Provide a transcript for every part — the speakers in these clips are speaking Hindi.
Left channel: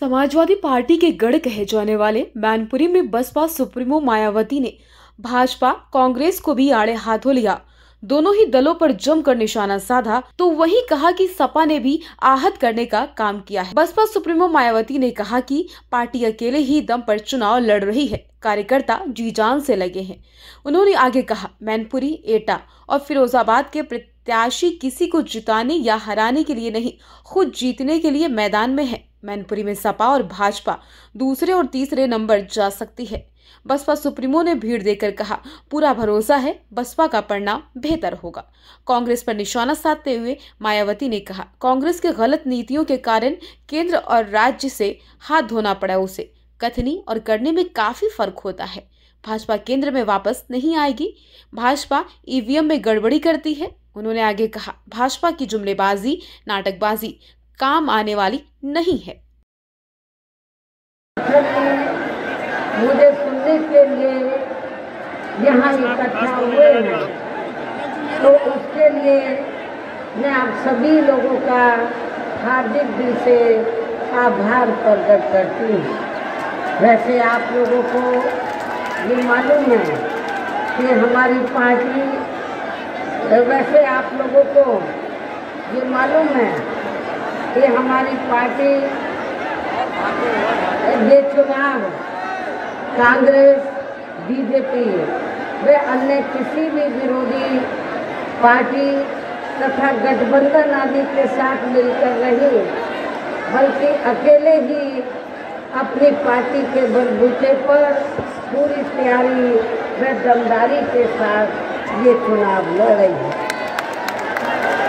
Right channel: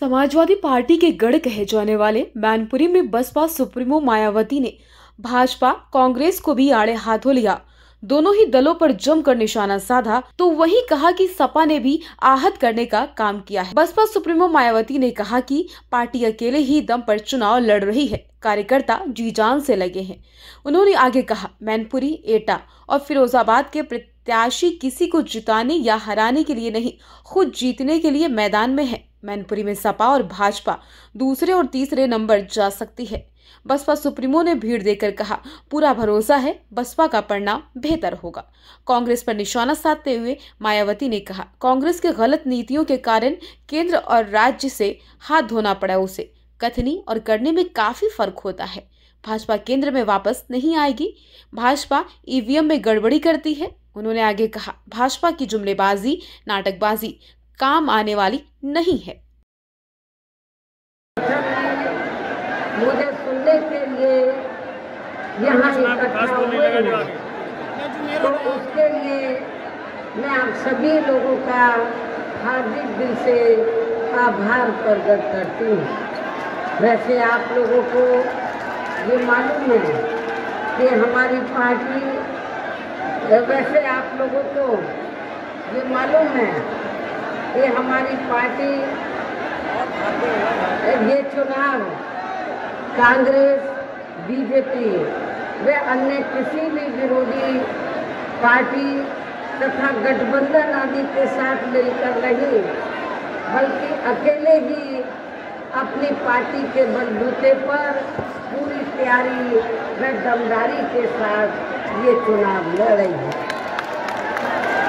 समाजवादी पार्टी के गढ़ कहे जाने वाले मैनपुरी में बसपा सुप्रीमो मायावती ने भाजपा कांग्रेस को भी आड़े हाथों लिया। दोनों ही दलों पर जमकर निशाना साधा तो वही कहा कि सपा ने भी आहत करने का काम किया है। बसपा सुप्रीमो मायावती ने कहा कि पार्टी अकेले ही दम पर चुनाव लड़ रही है, कार्यकर्ता जी जान से लगे हैं। उन्होंने आगे कहा, मैनपुरी, एटा और फिरोजाबाद के प्रत्याशी किसी को जिताने या हराने के लिए नहीं, खुद जीतने के लिए मैदान में है। मैनपुरी में सपा और भाजपा दूसरे और तीसरे नंबर जा सकती है। बसपा सुप्रीमो ने भीड़ देकर कहा, पूरा भरोसा है बसपा का परिणाम बेहतर होगा। कांग्रेस पर निशाना साधते हुए मायावती ने कहा, कांग्रेस के गलत नीतियों के कारण केंद्र और राज्य से हाथ धोना पड़ा उसे। कथनी और करने में काफी फर्क होता है। भाजपा केंद्र में वापस नहीं आएगी। भाजपा ईवीएम में गड़बड़ी करती है। उन्होंने आगे कहा, भाजपा की जुमलेबाजी, नाटकबाजी काम आने वाली नहीं है। मुझे सुनने के लिए यहाँ इकट्ठा हुए हैं, तो उसके लिए मैं आप सभी लोगों का हार्दिक दिल से आभार प्रकट करती हूँ। वैसे आप लोगों को ये मालूम है कि हमारी पार्टी, वैसे आप लोगों को ये मालूम है कि हमारी पार्टी ये चुनाव कांग्रेस, बीजेपी व अन्य किसी भी विरोधी पार्टी तथा गठबंधन आदि के साथ मिलकर नहीं, बल्कि अकेले ही अपनी पार्टी के बलबूते पर पूरी तैयारी व दमदारी के साथ ये चुनाव लड़ रही है।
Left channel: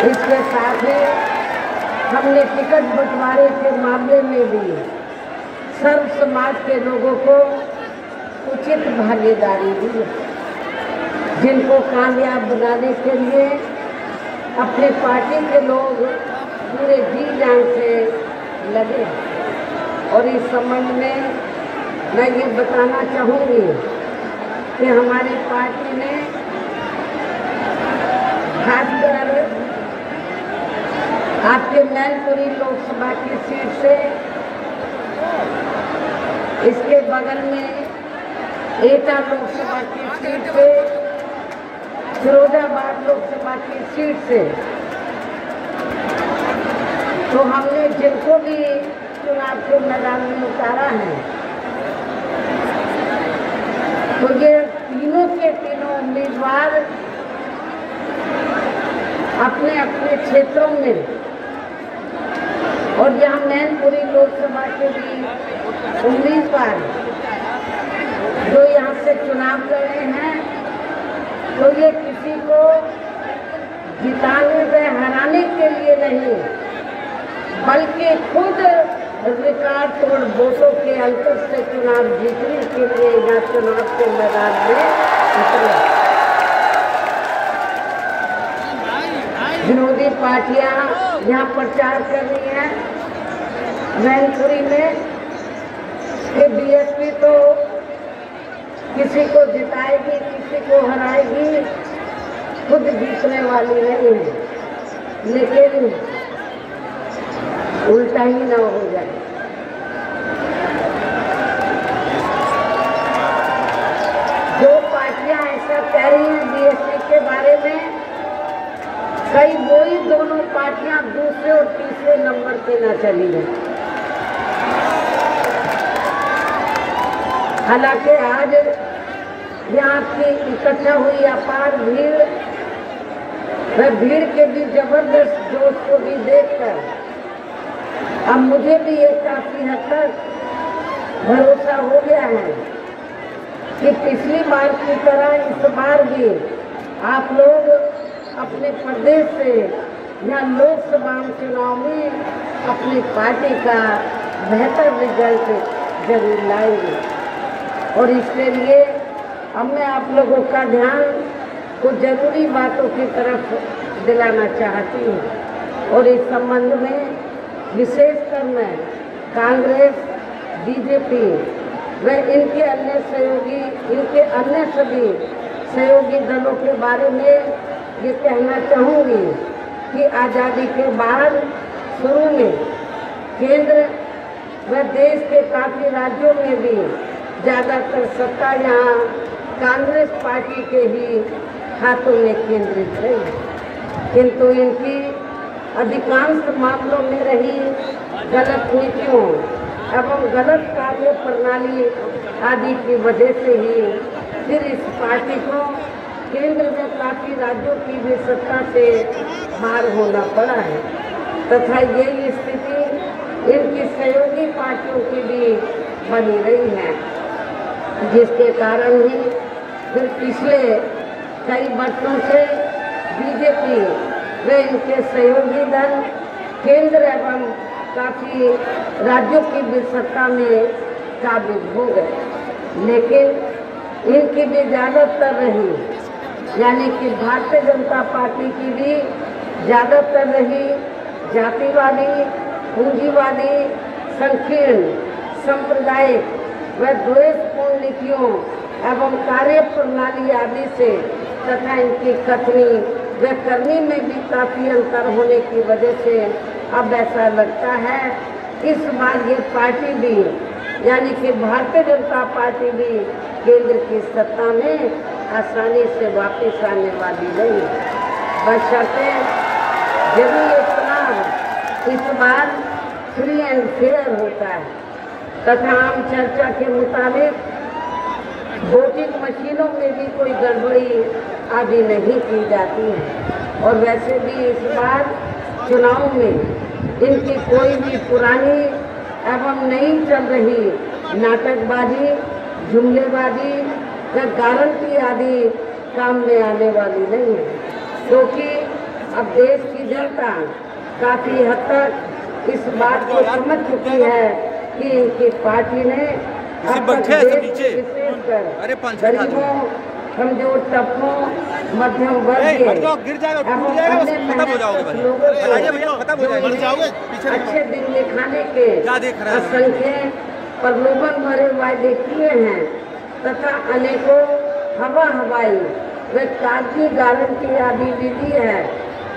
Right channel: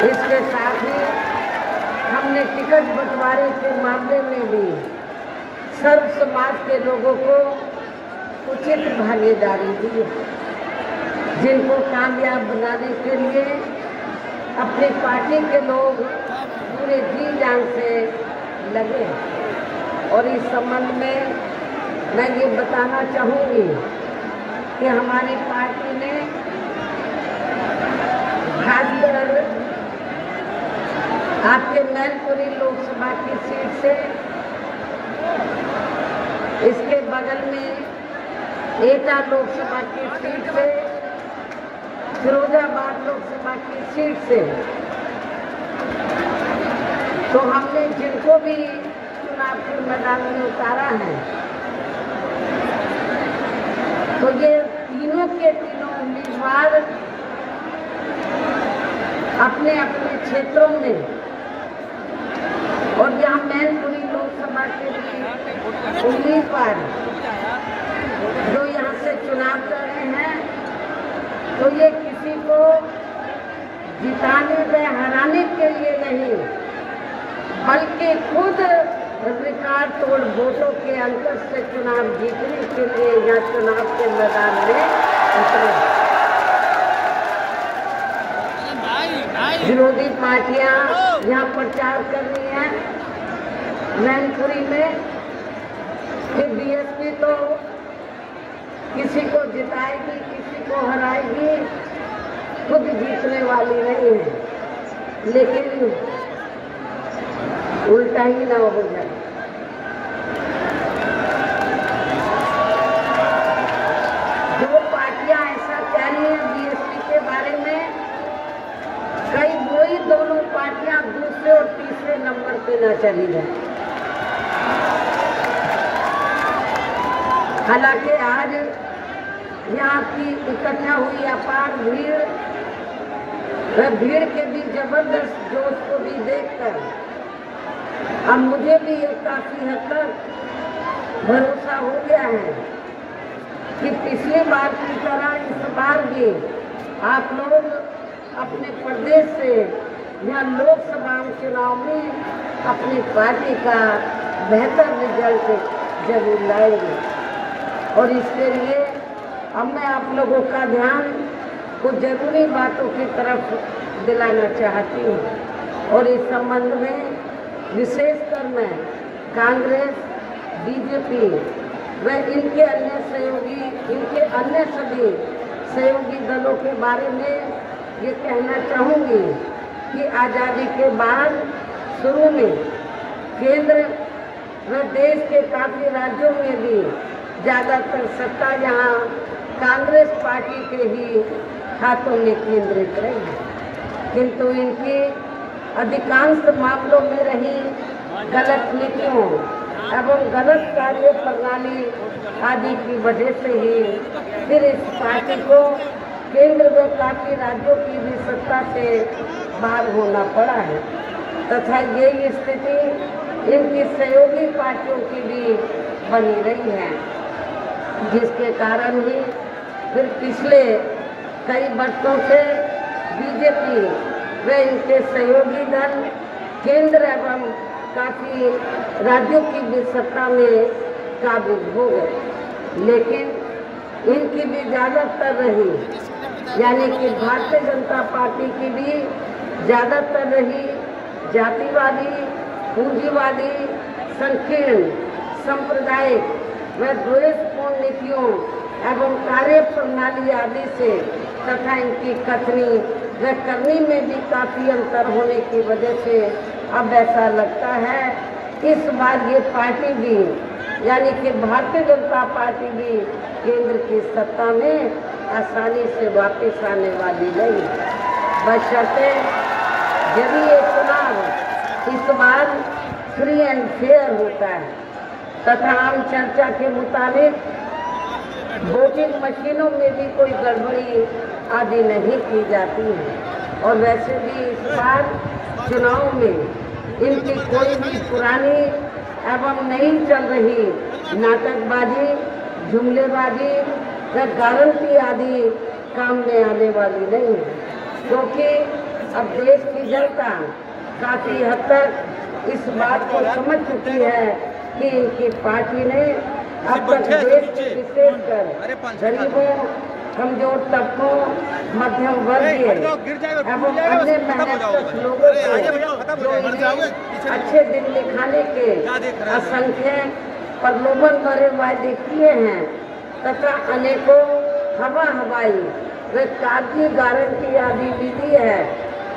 इसके साथ ही हमने टिकट बंटवारे के मामले में भी सर्व समाज के लोगों को उचित भागीदारी दी, जिनको कामयाब बनाने के लिए अपनी पार्टी के लोग पूरे जी जान से लगे। और इस संबंध में मैं ये बताना चाहूँगी कि हमारी पार्टी ने खासकर आपके मैनपुरी लोकसभा की सीट से, इसके बगल में एटा लोकसभा की सीट से, फिरोजाबाद लोकसभा की सीट से, तो हमने जिनको भी चुनाव के मैदान में उतारा है, तो ये तीनों के तीनों उम्मीदवार अपने अपने क्षेत्रों में, और यहाँ मैनपुरी लोकसभा के भी उम्मीदवार जो यहाँ से चुनाव कर रहे हैं, तो ये किसी को जिताने व हराने के लिए नहीं, बल्कि खुद रिकॉर्ड तोड़ वोटों के अंतर से चुनाव जीतने के लिए यहाँ चुनाव के मैदान में उतरे। विरोधी पार्टियां यहाँ प्रचार कर रही हैं मैनपुरी में कि बीएसपी तो किसी को जिताएगी, किसी को हराएगी, खुद जीतने वाली नहीं है। लेकिन उल्टा ही ना हो जाए। जो पार्टियां ऐसा कह रही हैं बीएसपी के बारे में, कई वही दोनों पार्टियां दूसरे और तीसरे नंबर पे ना चली गई। हालांकि आज यहाँ की इकट्ठा हुई अपार भीड़, वह भीड़ के भी जबरदस्त जोश को भी देखकर अब मुझे भी एक काफी हद तक भरोसा हो गया है कि पिछली बार की तरह इस बार भी आप लोग अपने प्रदेश से यहाँ लोकसभा चुनाव में अपनी पार्टी का बेहतर रिजल्ट जरूर लाएंगे। और इसके लिए अब मैं आप लोगों का ध्यान कुछ जरूरी बातों की तरफ दिलाना चाहती हूँ। और इस संबंध में विशेषकर मैं कांग्रेस, बीजेपी व इनके अन्य सभी सहयोगी दलों के बारे में ये कहना चाहूँगी कि आज़ादी के बाद शुरू में केंद्र व देश के काफी राज्यों में भी ज्यादातर सत्ता यहाँ कांग्रेस पार्टी के ही हाथों में केंद्रित है, किंतु इनकी अधिकांश मामलों में रही गलत नीतियों एवं गलत कार्य प्रणाली आदि की वजह से ही फिर इस पार्टी को केंद्र में काफी राज्यों की भी सत्ता से बाहर होना पड़ा है तथा यही स्थिति इनकी सहयोगी पार्टियों की भी बनी रही है, जिसके कारण ही फिर पिछले कई वर्षों से बीजेपी व इनके सहयोगी दल केंद्र एवं काफी राज्यों की भी सत्ता में काबिज हो गए, लेकिन इनकी भी ज्यादातर रही यानी कि भारतीय जनता पार्टी की भी ज्यादातर रही जातिवादी, पूंजीवादी, संकीर्ण, सांप्रदायिक व द्वेषपूर्ण नीतियों एवं कार्य प्रणाली आदि से तथा इनकी कथनी व करनी में भी काफी अंतर होने की वजह से अब ऐसा लगता है इस बार ये पार्टी भी यानी कि भारतीय जनता पार्टी भी केंद्र की सत्ता में आसानी से वापस आने वाली नहीं, बशर्ते यदि ये चुनाव इस बार फ्री एंड फेयर होता है तथा आम चर्चा के मुताबिक वोटिंग मशीनों में भी कोई गड़बड़ी आदि नहीं की जाती है और वैसे भी इस बार चुनाव में इनकी कोई भी पुरानी एवं नई चल रही नाटकबाजी, जुमलेबाजी या गारंटी आदि काम में आने वाली नहीं है, क्योंकि अब देश की जनता काफी हद तक इस बात को समझ चुकी है कि इनकी पार्टी ने अब तक देश के विशेषकर गरीबों, कमजोर तबकों, मध्यम वर्ग एवं अन्य मेहनत लोगों को अच्छे दिन दिखाने के असंख्य प्रलोभन भरे वायदे किए हैं तथा अनेकों हवाई व कागजी गारंटी आदि भी दी है,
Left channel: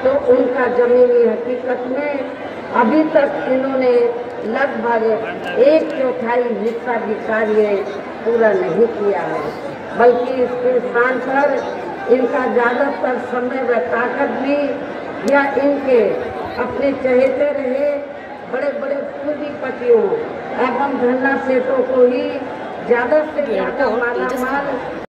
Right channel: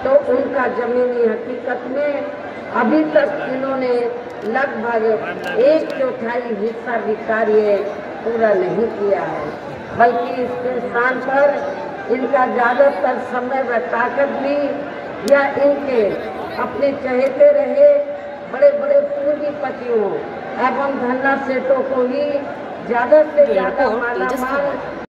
तो उनका जमीनी हकीकत में अभी तक इन्होंने लगभग 1/4 हिस्सा भी कार्य पूरा नहीं किया है, बल्कि इसके स्थान पर इनका ज्यादातर समय व ताकत भी या इनके अपने चहेते रहे बड़े बड़े पूंजीपतियों एवं धन्ना सेठों को ही ज्यादा से ज्यादा मालामाल